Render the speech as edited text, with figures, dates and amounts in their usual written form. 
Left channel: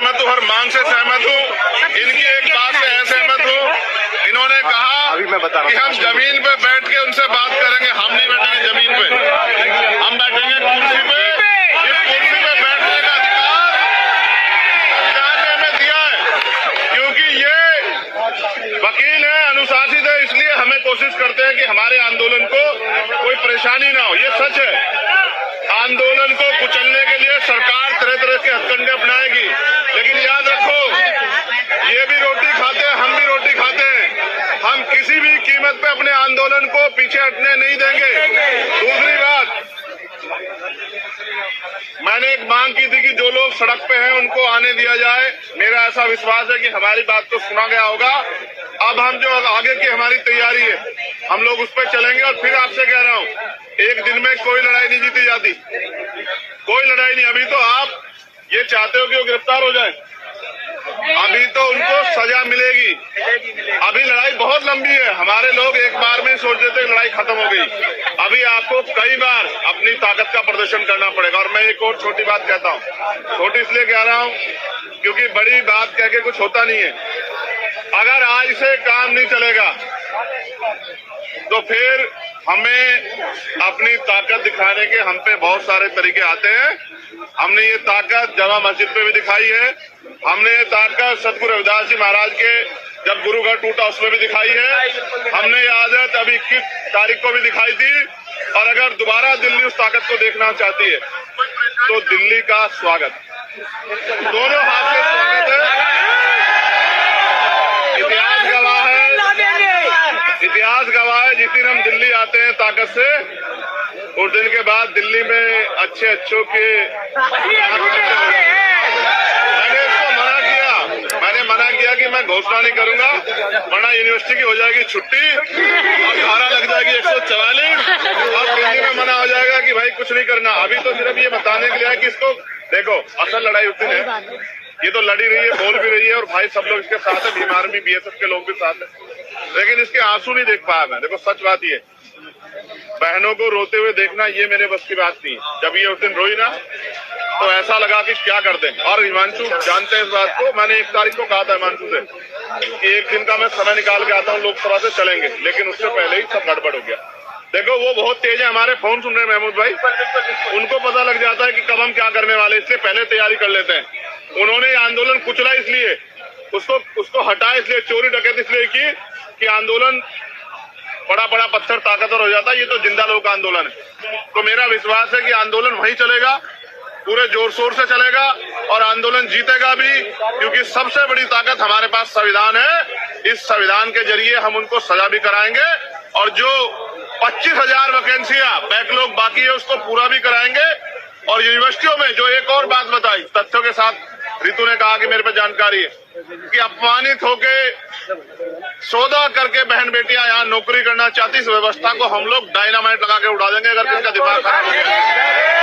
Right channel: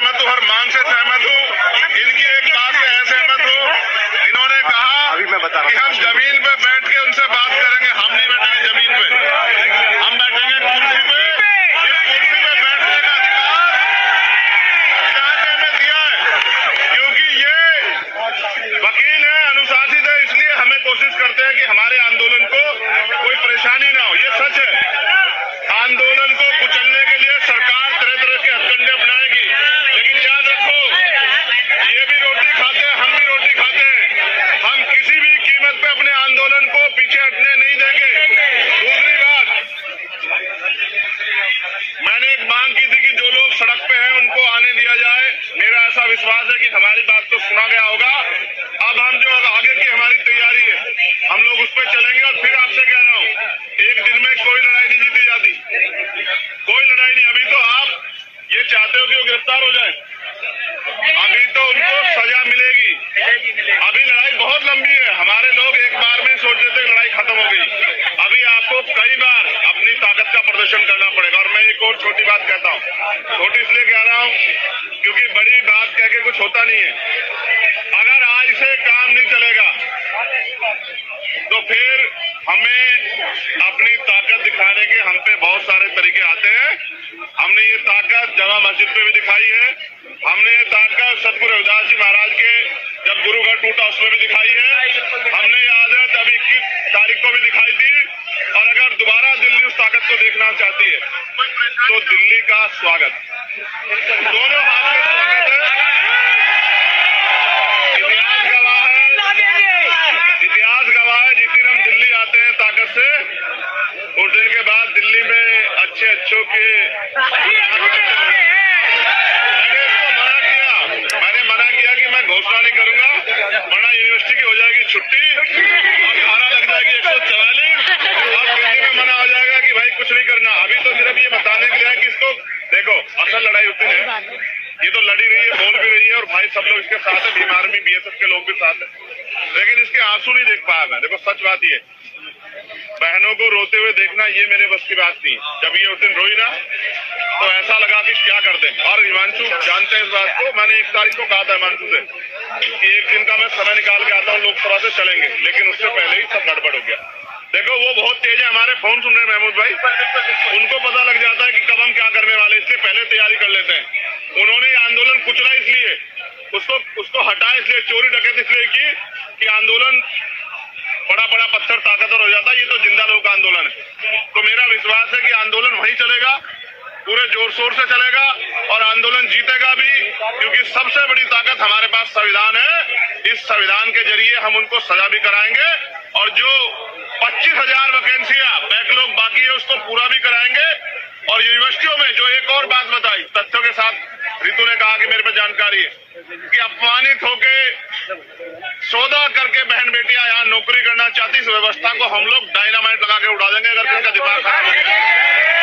सहमत हूँ, हर मांग से सहमत हूँ। इनकी एक बात से असहमत हूँ। इन्होंने कहा कि हम जमीन पे बैठ के उनसे बात करेंगे। हम नहीं बैठेंगे जमीन पे, हम बैठेंगे कुर्सी पे। इस कुर्सी पे बैठने का अधिकार संविधान ने हमें दिया है, क्योंकि ये वकील है, अनुशासित है, इसलिए हमें कोशिश करते हैं कि हमारे आंदोलन को कोई परेशानी ना हो। ये सच है। आंदोलन को कुचलने के लिए सरकार तरह तरह के हथकंडे अपनाएगी, लेकिन याद रखो, ये भी रोटी खाते हैं, हम भी रोटी खाते हैं। हम किसी भी कीमत पे अपने आंदोलन को पीछे हटने नहीं देंगे। दूसरी बात, मैंने एक मांग की थी कि जो लोग सड़क पे हैं उनको आने दिया जाए। मेरा ऐसा विश्वास है कि हमारी बात को सुना गया होगा। अब हम जो आगे की हमारी तैयारी है, हम लोग उस पर चलेंगे। और फिर आपसे कह रहा हूँ, एक दिन में कोई लड़ाई नहीं जीती जाती, कोई लड़ाई नहीं। अभी तो आप ये चाहते हो कि वो गिरफ्तार हो जाए, अभी तो उनको सजा मिलेगी। अभी लड़ाई बहुत लंबी है। हमारे लोग एक बार में सोच रहे थे लड़ाई खत्म हो गई। अभी आपको कई बार अपनी ताकत का प्रदर्शन करना पड़ेगा। और मैं एक और छोटी बात कहता हूँ, छोटी इसलिए कह रहा हूँ क्योंकि बड़ी बात कह के कुछ होता नहीं है। अगर आज से काम नहीं चलेगा तो फिर हमें अपनी ताकत दिखाने के हम पे बहुत सारे तरीके आते हैं। हमने ये ताकत जामा मस्जिद पे भी दिखाई है। हमने ये ताकत सतगुरु रविदास जी महाराज के जब गुरुघर टूटा उसमें भी दिखाई है। हमने ये आदत अभी 21 तारीख को भी दिखाई थी। और अगर दोबारा दिल्ली उस ताकत को देखना चाहती है तो दिल्ली का स्वागत, दोनों हाथ से स्वागत है। इतिहास गवाह है, जिस दिन हम दिल्ली आते हैं ताकत से, उस दिन के बाद दिल्ली में अच्छे अच्छों के मैंने मना किया कि मैं घोषणा नहीं करूंगा, वरना यूनिवर्सिटी की हो जाएगी छुट्टी और धारा लग जाएगी 144 और दिल्ली में मना हो जाएगा कि भाई कुछ नहीं करना। अभी तो सिर्फ ये बताने के लिए है कि इसको देखो, असल लड़ाई उस दिन है। ये तो लड़ी रही है, बोल भी रही है, और भाई सब लोग इसके साथ है, बीमार भी बीएसएफ के लोग भी साथ है, लेकिन इसके आंसू नहीं देख पाया मैं। देखो सच बात ये, बहनों को रोते हुए देखना ये मेरे बस की बात थी। जब ये उस दिन रोई ना तो ऐसा लगा कि क्या कर दें। और हिमांशु जानते हैं इस बात को, मैंने 1 तारीख को कहा था हिमांशु से कि एक दिन का मैं समय निकाल के आता हूँ, लोकसभा से चलेंगे, लेकिन उससे पहले ही सब गड़बड़ हो गया। देखो वो बहुत तेज है, हमारे फोन सुन रहे हैं महमूद भाई, उनको पता लग जाता है कि कब हम क्या करने वाले, इसलिए पहले तैयारी कर लेते हैं। उन्होंने आंदोलन कुचला इसलिए, उसको हटाया इसलिए, चोरी डकैती इसलिए की कि आंदोलन बड़ा बड़ा पत्थर ताकतवर हो जाता है। ये तो जिंदा लोग का आंदोलन है। तो मेरा विश्वास है कि आंदोलन वहीं चलेगा, पूरे जोर शोर से चलेगा और आंदोलन जीतेगा भी, क्योंकि सबसे बड़ी ताकत हमारे पास संविधान है। इस संविधान के जरिए हम उनको सजा भी कराएंगे और जो 25,000 वैकेंसियां बैकलॉग बाकी है उसको पूरा भी कराएंगे। और यूनिवर्सिटियों में जो एक और बात बताई तथ्यों के साथ, रितु ने कहा कि मेरे पे जानकारी है कि अपमानित होके सौदा करके बहन बेटियां यहाँ नौकरी करना चाहती, इस व्यवस्था को हम लोग डायनामाइट लगा के उड़ा देंगे अगर किसका दिमाग खराब हो गया।